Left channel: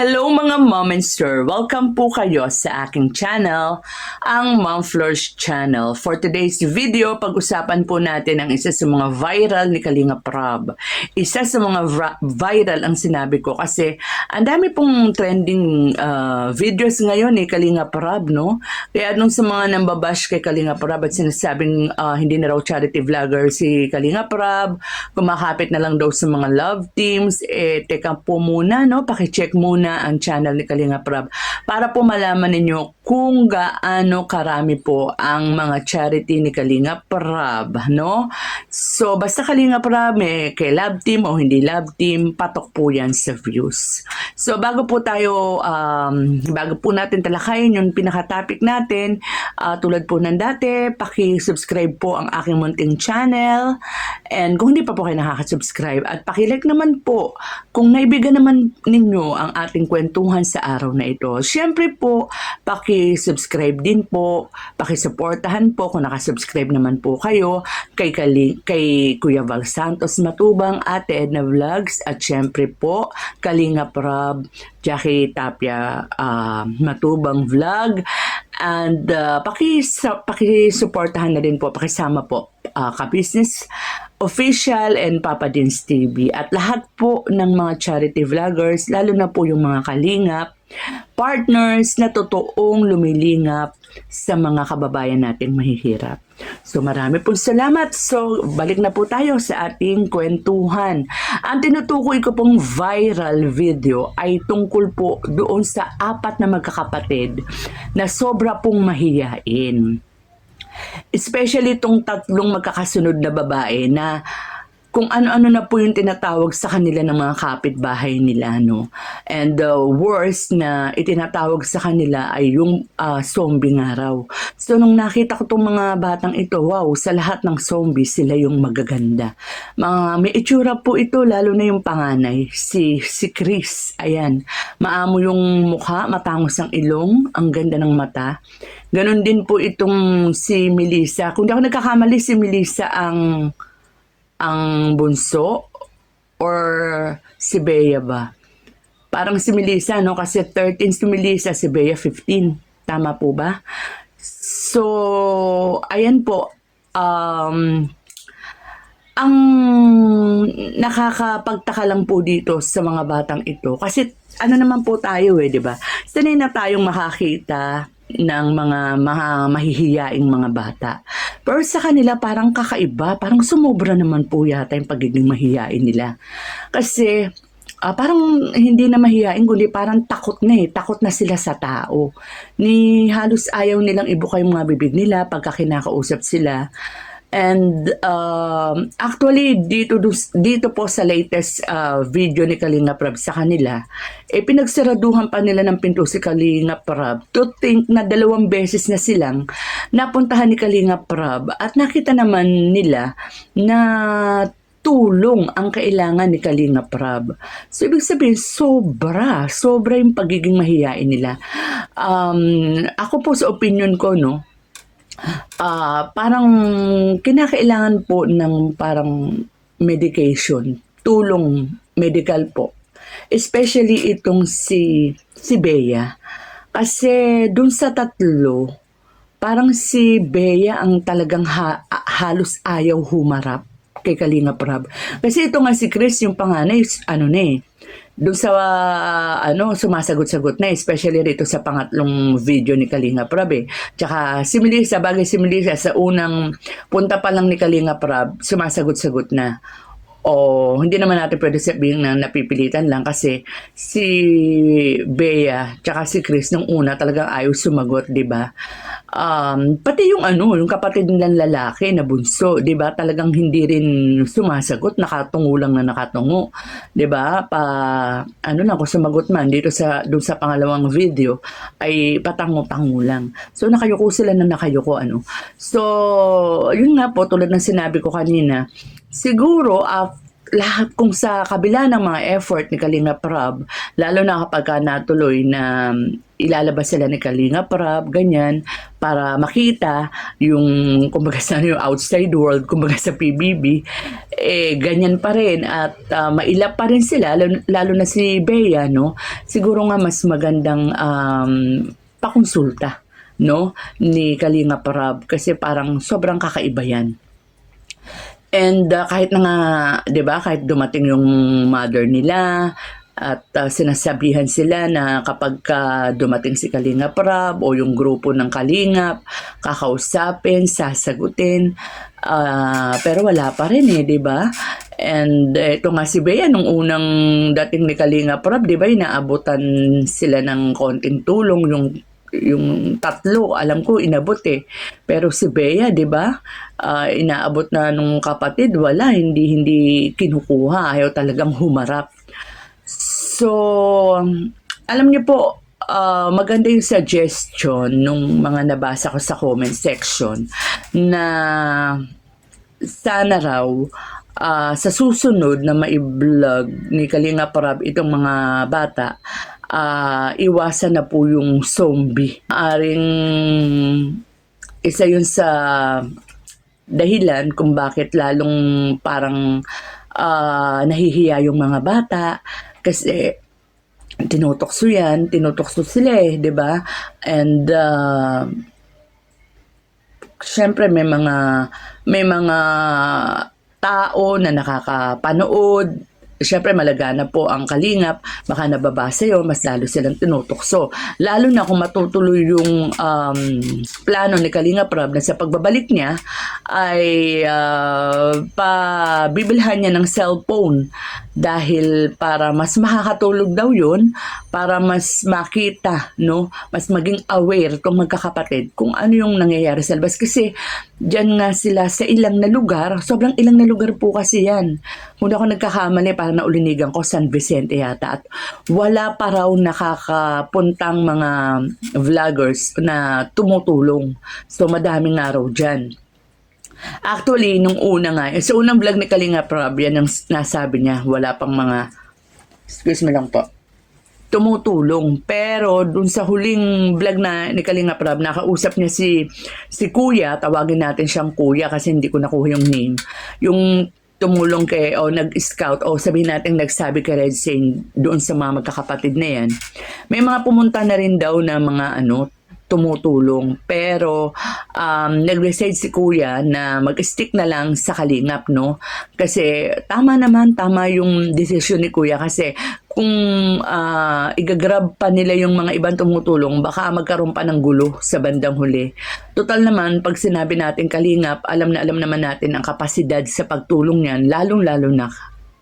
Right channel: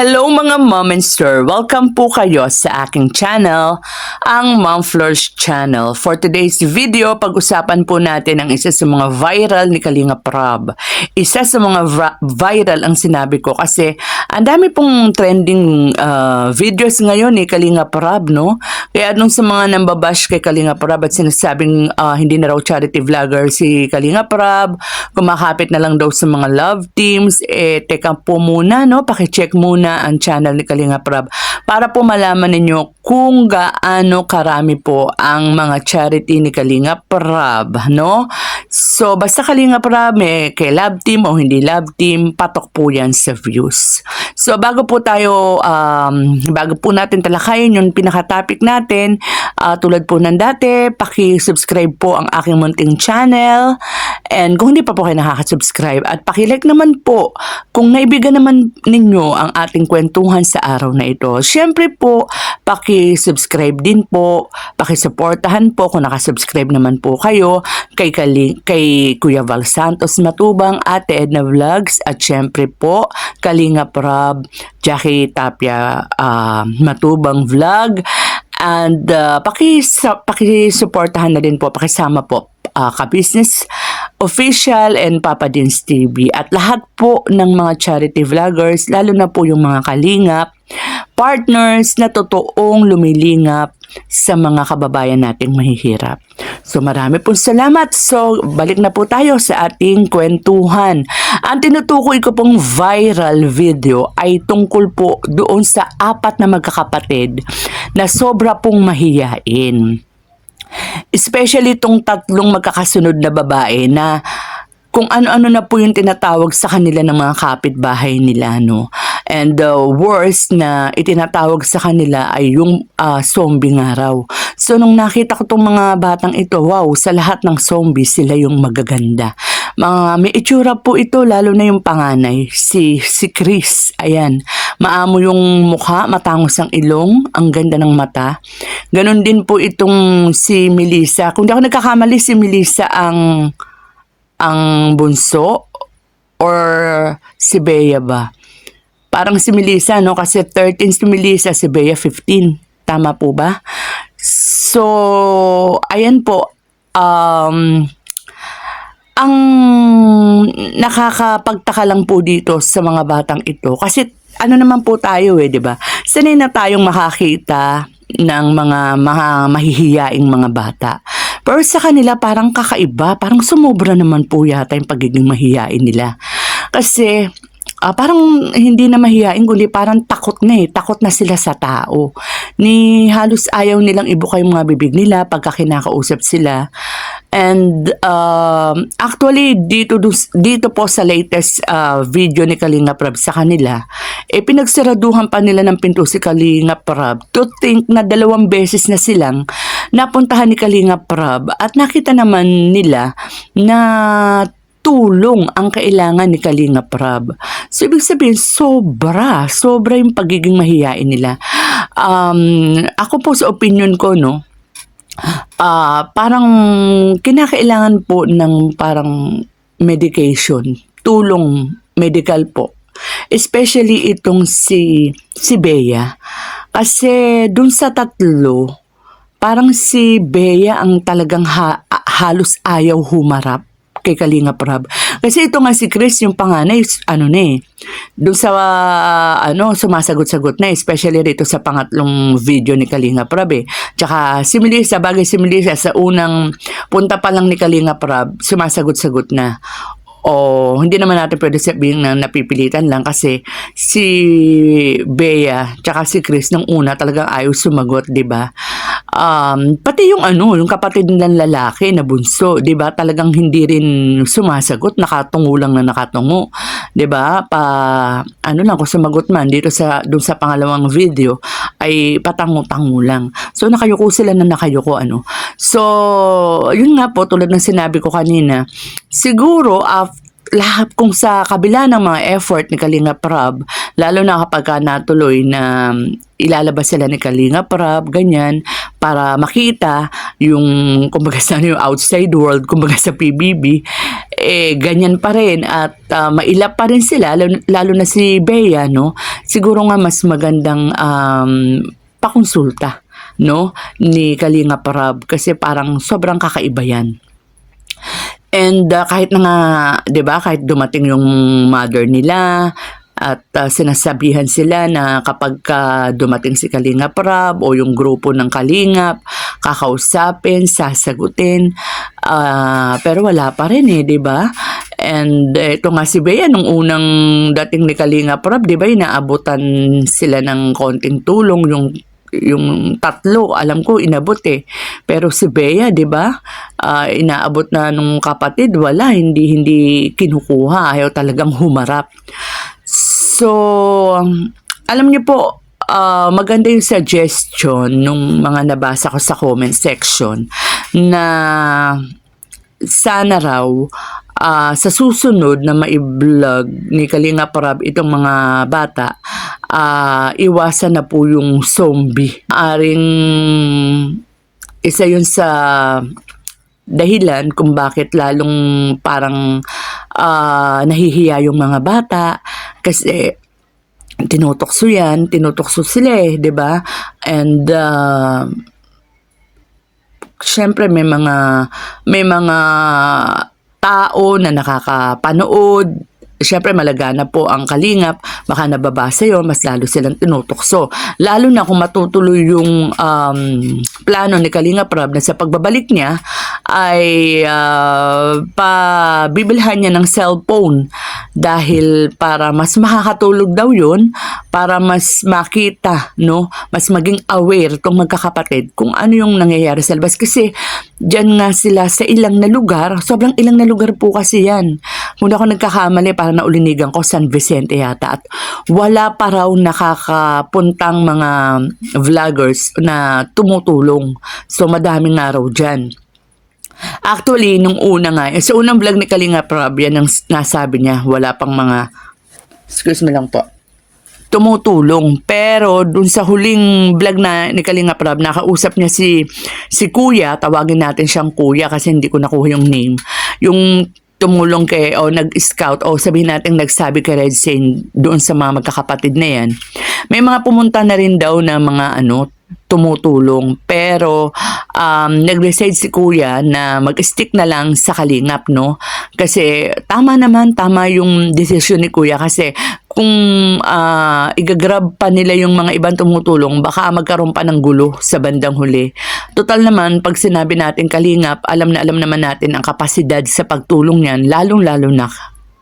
Hello mga Mommonster! Welcome po kayo sa aking channel, ang Mom Flourish Channel. For today's video, pag-usapan po natin ang isa sa mga viral ni Kalinga Prab. Isa sa mga viral ang sinabi ko kasi ang dami pong trending videos ngayon ni Kalinga Prab, no? Kaya nung sa mga nambabash kay Kalinga Prab at sinasabing hindi na raw charity vlogger si Kalinga Prab, kumakapit na lang daw sa mga love teams, teka po muna, no? Pakicheck muna ang channel ni Kalinga Prab para po malaman ninyo kung gaano karami po ang mga charity ni Kalinga Prab, no? So, basta Kalinga Prab, kay love team o hindi love team, patok po yan sa views. So, bago po natin talakayin yung pinaka-topic natin, tulad po ng dati, paki-subscribe po ang aking munting channel. And kung hindi pa po kayo nakaka-subscribe, at paki-like naman po kung naibigan naman ninyo ang ating kwentuhan sa araw na ito. Siyempre po, paki-subscribe din po, paki-supportahan po kung nakasubscribe naman po kayo kay Kuya Val Santos Matubang, Ate Edna Vlogs, at siyempre po Kalinga Prab, Jackie Tapia Matubang Vlog, and paki-supportahan na din po, pakisama po Ka-Business Official and Papa Dins TV at lahat po ng mga charity vloggers, lalo na po yung mga kalingap, partners na totoong lumilingap sa mga kababayan nating mahihirap. So marami pong salamat. So balik na po tayo sa ating kwentuhan. Ang tinutukoy ko pong viral video ay tungkol po doon sa 4 na magkakapatid na sobra pong mahiyain. Especially itong 3 magkakasunod na babae na kung ano-ano na po yung tinatawag sa kanila ng mga kapitbahay nila, no? And the worst na itinatawag sa kanila ay yung zombie nga raw. So nung nakita ko tong mga batang ito, wow, sa lahat ng zombie sila yung magaganda. May itsura po ito, lalo na yung panganay, si Chris. Ayan, maamo yung mukha, matangos ang ilong, ang ganda ng mata. Ganon din po itong si Melissa. Kung di ako nagkakamali, si Melissa ang bunso or si Bea ba? Parang si Melissa, no? Kasi 13 si Melissa, si Bea 15. Tama po ba? So, ayan po. Ang nakakapagtaka lang po dito sa mga batang ito. Kasi ano naman po tayo di ba? Sanay na tayong makakita ng mga mahihiyaing mga bata. Pero sa kanila parang kakaiba, parang sumobra naman po yata yung pagiging mahihiyain nila. Kasi parang hindi na mahihiyain, kundi parang takot na sila sa tao. Halos ayaw nilang ibuka yung mga bibig nila pagka kinakausap sila. And actually dito po sa latest video ni Kalinga Prab sa kanila, pinagsaraduhan pa nila ng pinto si Kalinga Prab to think na 2 beses na silang napuntahan ni Kalinga Prab at nakita naman nila na tulong ang kailangan ni Kalinga Prab. So ibig sabihin sobra yung pagiging mahiyain nila. Ako po sa opinion ko, no, parang kinakailangan po ng parang medication, tulong medical po. Especially itong si Bea. Kasi dun sa 3, parang si Bea ang talagang halos ayaw humarap kay Kalinga Prab. Kasi ito nga si Chris, yung panganay, doon sa sumasagot-sagot na, especially rito sa pangatlong video ni Kalinga Prab Tsaka si Melissa, sa unang punta pa lang ni Kalinga Prab, sumasagot-sagot na. O hindi naman natin pwede sabihin na napipilitan lang kasi si Bea tsaka si Chris nung una talagang ayaw sumagot, 'di ba? Pati yung kapatid nilang lalaki na bunso, 'di ba? Talagang hindi rin sumasagot, nakatungo lang na nakatungo, 'di ba? Kung sumagot man dito doon sa pangalawang video ay patango-tango lang. So nakayuko sila na nakayuko So, yun nga po tulad ng sinabi ko kanina, siguro lahat kung sa kabila ng mga effort ni Kalinga Prab, lalo na kapag natuloy na ilalabas sila ni Kalinga Prab, ganyan, para makita yung, kumbaga sa yung outside world, kumbaga sa PBB, ganyan pa rin at mailap pa rin sila, lalo na si Bea, no? Siguro nga mas magandang pakonsulta, no, ni Kalinga Prab kasi parang sobrang kakaiba yan. And kahit na nga, 'di ba, kahit dumating yung mother nila at sinasabihan sila na kapag dumating si Kalinga Prab o yung grupo ng Kalingap, kakausapin, sasagutin, pero wala pa rin 'di ba? And ito nga si Bea, nung unang dating ni Kalinga Prab, 'di ba, inaabutan sila ng konting tulong, yung tatlo, alam ko inabot pero si Bea, 'di ba, inaabot na nung kapatid, wala, hindi kinukuha, ayaw talagang humarap. So alam niyo po, maganda yung suggestion nung mga nabasa ko sa comment section na sana raw sa susunod na mai-vlog ni Kalinga Prab itong mga bata, iwasan na po yung zombie. Aring isa yun sa dahilan kung bakit lalong parang nahihiya yung mga bata kasi tinutokso sila 'di ba? And syempre may mga tao na nakakapanood. Siyempre malagana po ang Kalingap, baka nababasa yon, mas lalo silang tinutokso. Lalo na kung matutuloy yung plano ni Kalinga Prab na sa pagbabalik niya ay pabibilhan niya ng cellphone dahil para mas makakatulog daw yun, para mas makita, no, mas maging aware tong magkakapatid kung ano yung nangyayari sa labas. Kasi dyan nga sila sa ilang na lugar, sobrang ilang na lugar po kasi yan. Kung ako nagkakamali, parang naulinigan ko, San Vicente yata. At wala pa raw nakakapuntang mga vloggers na tumutulong. So madaming nga raw dyan. Actually, nung una nga, sa unang vlog ni Kalinga Prab, yan ang nasabi niya, wala pang mga, excuse me lang po, tumutulong. Pero dun sa huling vlog na ni Kalinga Prab, nakausap niya si Kuya, tawagin natin siyang Kuya kasi hindi ko nakuha yung name. Yung tumulong o nag-scout o sabihin natin nagsabi kay Red Saint doon sa mga magkakapatid na yan. May mga pumunta na rin daw na mga tumutulong. Pero nag-message si Kuya na mag-stick na lang sa Kalingap, no? Kasi tama yung desisyon ni Kuya kasi kung igagrab pa nila yung mga ibang tumutulong, baka magkaroon pa ng gulo sa bandang huli. Total naman, pag sinabi natin Kalingap, alam naman natin ang kapasidad sa pagtulong niyan, lalong-lalo na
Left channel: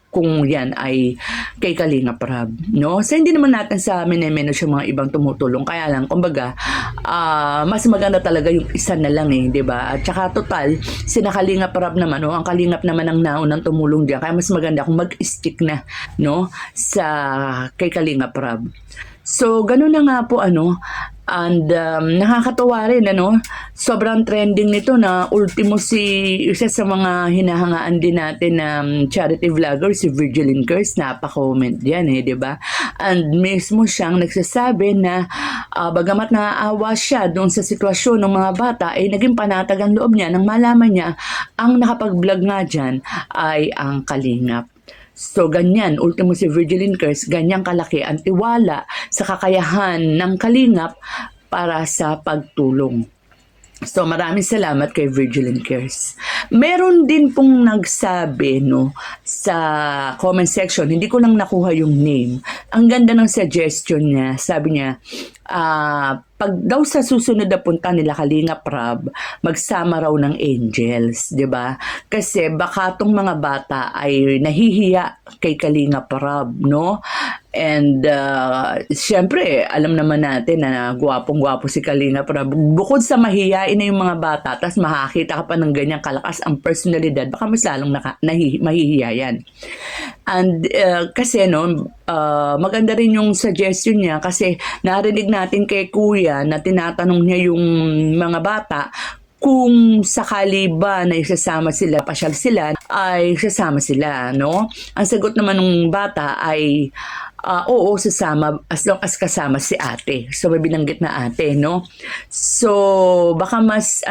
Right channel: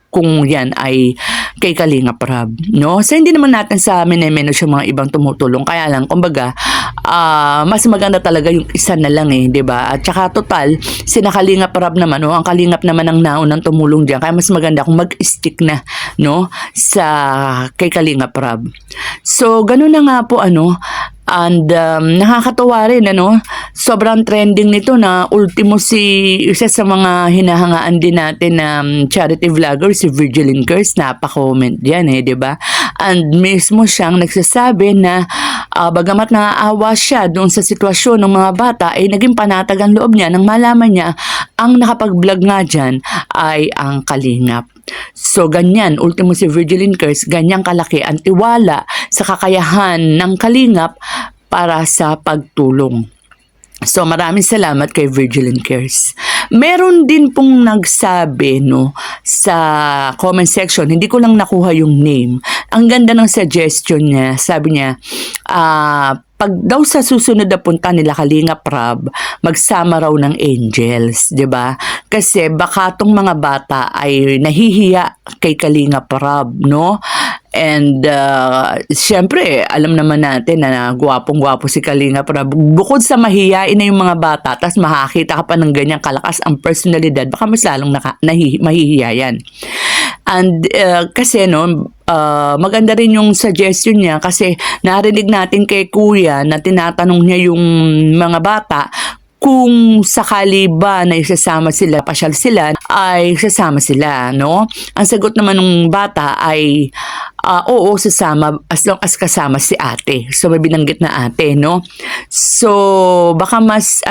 kung yan ay kay Kalinga Prab, no? So hindi naman natin sa menos yung mga ibang tumutulong, kaya lang kumbaga mas maganda talaga yung isa na lang 'di ba? At saka total sina Kalinga Prab naman, ang Kalingap naman ang naunang tumulong diyan, kaya mas maganda kung mag-stick na, no, sa kay Kalinga Prab. So ganun na nga po and nakakatuwa rin, sobrang trending nito na ultimo isa sa mga hinahangaan din natin na charity vlogger, si Virgilin Curse, napaka-comment yan 'di ba? And mismo siyang nagsasabi na bagamat naaawa siya doon sa sitwasyon ng mga bata, ay naging panatag ang loob niya nang malaman niya ang nakapag-vlog nga dyan ay ang Kalingap. So ganyan, ultimo si Virgilin Curse, ganyang kalaki ang tiwala sa kakayahan ng Kalingap para sa pagtulong. So maraming salamat kay Virgilin Cares. Meron din pong nagsabi sa comment section, hindi ko lang nakuha yung name. Ang ganda ng suggestion niya, sabi niya, pag daw sa susunod na punta nila Kalinga Prab, magsama raw ng angels, 'di ba? Kasi baka tong mga bata ay nahihiya kay Kalinga Prab, no? And syempre, alam naman natin na gwapong-gwapo si Kalinga Prab. Bukod sa mahihiyain na yung mga bata, tas makakita ka pa ng ganyang kalakas ang personalidad, baka mas lalong mahihiya yan. And kasi maganda rin yung suggestion niya kasi narinig natin kay Kuya na tinatanong niya yung mga bata kung sakali ba na isasama sila, pasyal sila, ay sasama sila, no? Ang sagot naman ng bata ay oo, sasama as long as kasama si ate. So may binanggit na ate, no? So baka mas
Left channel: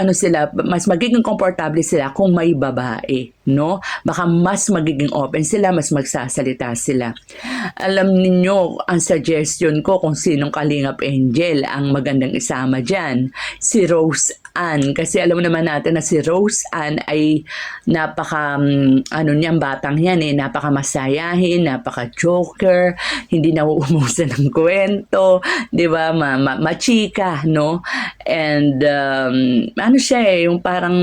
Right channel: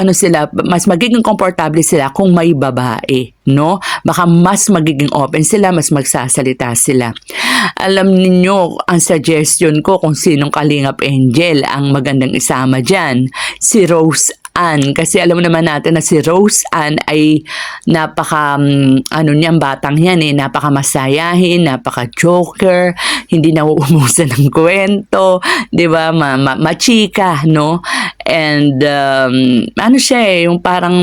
mas magiging komportable sila kung may babae, no? Baka mas magiging open sila, mas magsasalita sila. Alam ninyo, ang suggestion ko kung sinong Kalingap Angel ang magandang isama dyan, si Rose Ann. Kasi alam naman natin na si Rose Ann ay niyang batang yan napaka masayahin, napaka joker, hindi nauumusan ng kwento, 'di ba? Machika, no? And siya yung parang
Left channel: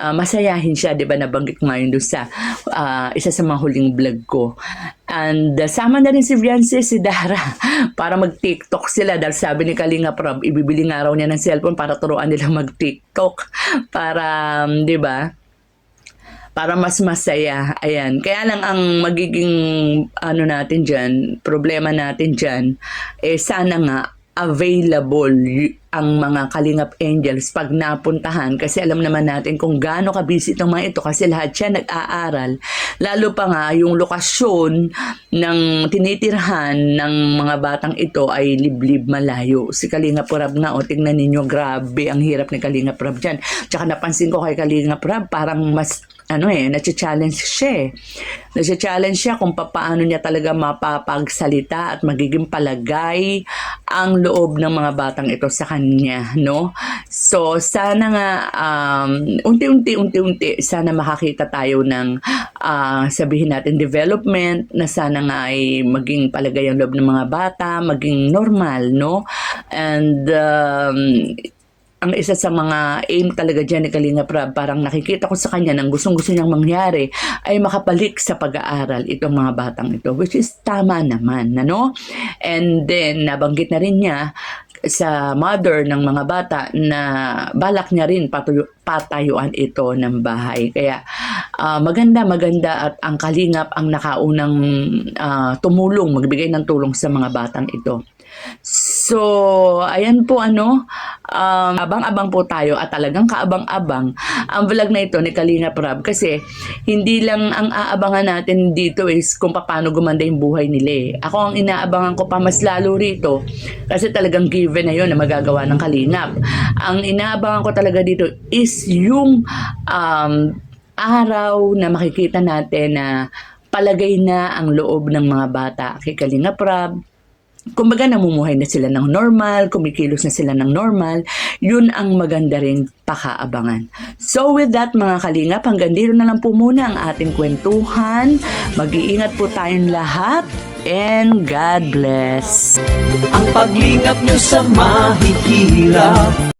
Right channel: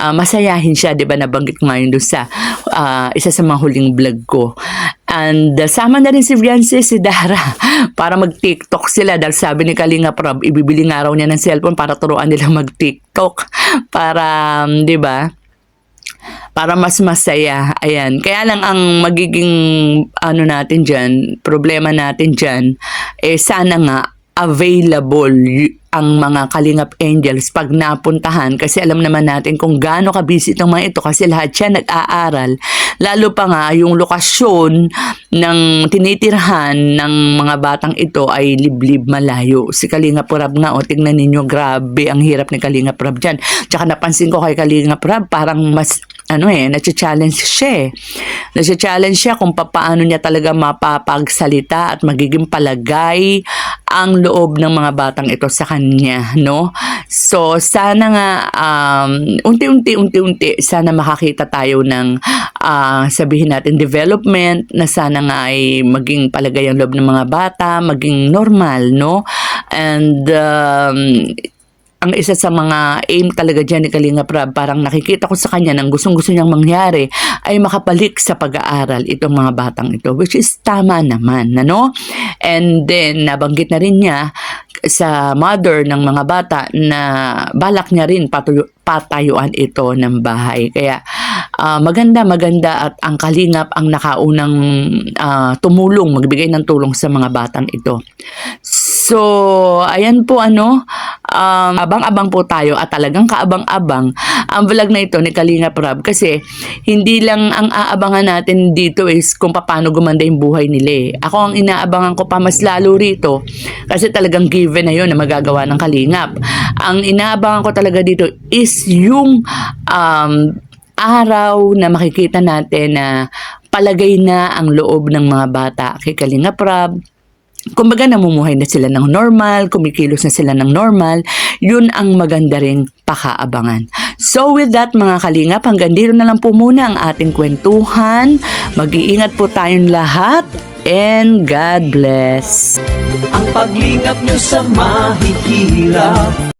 masayahin siya, 'di ba? Nabanggit ko ngayon doon sa isa sa mga huling vlog ko. And sama na rin si Fiancé, si Dara, para mag-TikTok sila dahil sabi ni Kalingap Rob, ibibili nga raw niya ng cellphone para turuan nila mag-TikTok para, 'di ba? Para mas masaya. Ayan. Kaya lang ang magiging natin dyan, problema natin dyan, sana nga available ang mga Kalingap Angels pag napuntahan, kasi alam naman natin kung gaano ka-busy itong mga ito kasi lahat siya nag-aaral. Lalo pa nga yung lokasyon ng tinitirhan ng mga batang ito ay liblib malayo. Si Kalingap Rab nga, tingnan ninyo, grabe ang hirap ni Kalingap Rab dyan. Tsaka napansin ko kay Kalingap Rab, parang mas nacha-challenge siya. Nacha-challenge siya kung paano niya talaga mapapagsalita at magiging palagay ang loob ng mga batang ito sa kanya, no? So, sana nga unti-unti sana makakita tayo ng sabihin natin development na sana nga ay maging palagay ang loob ng mga bata, maging normal, no? And ang isa sa mga aim talaga dyan ni Kalingap Rab, parang nakikita ko sa kanya ng gustong-gusto niyang mangyari ay makabalik sa pag-aaral itong mga batang ito, which is tama naman, ano? And then, nabanggit na rin niya sa mother ng mga bata na balak niya rin patayuan ito ng bahay. Kaya maganda at ang Kalingap ang nakaunang tumulong, magbigay ng tulong sa mga batang ito. So, ayan po abang-abang po tayo at talagang kaabang-abang ang vlog na ito ni Kalingap Rab, kasi hindi lang ang aabangan natin dito is kung paano gumanda yung buhay nila. Ako ang inaabangan ko pa mas lalo rito kasi talagang given na yun na magagawa ng Kalingap. Ang inaabangan ko talaga dito is yung araw na makikita natin na palagay na ang loob ng mga bata kay Kalingap Rab. Kumbaga namumuhay na sila ng normal, kumikilos na sila ng normal, yun ang maganda ring pakaabangan. So with that mga Kalingap, hanggang dito na lang po muna ang ating kwentuhan. Mag-iingat po tayong lahat and God bless. Ang paglingap nyo sa mahihirap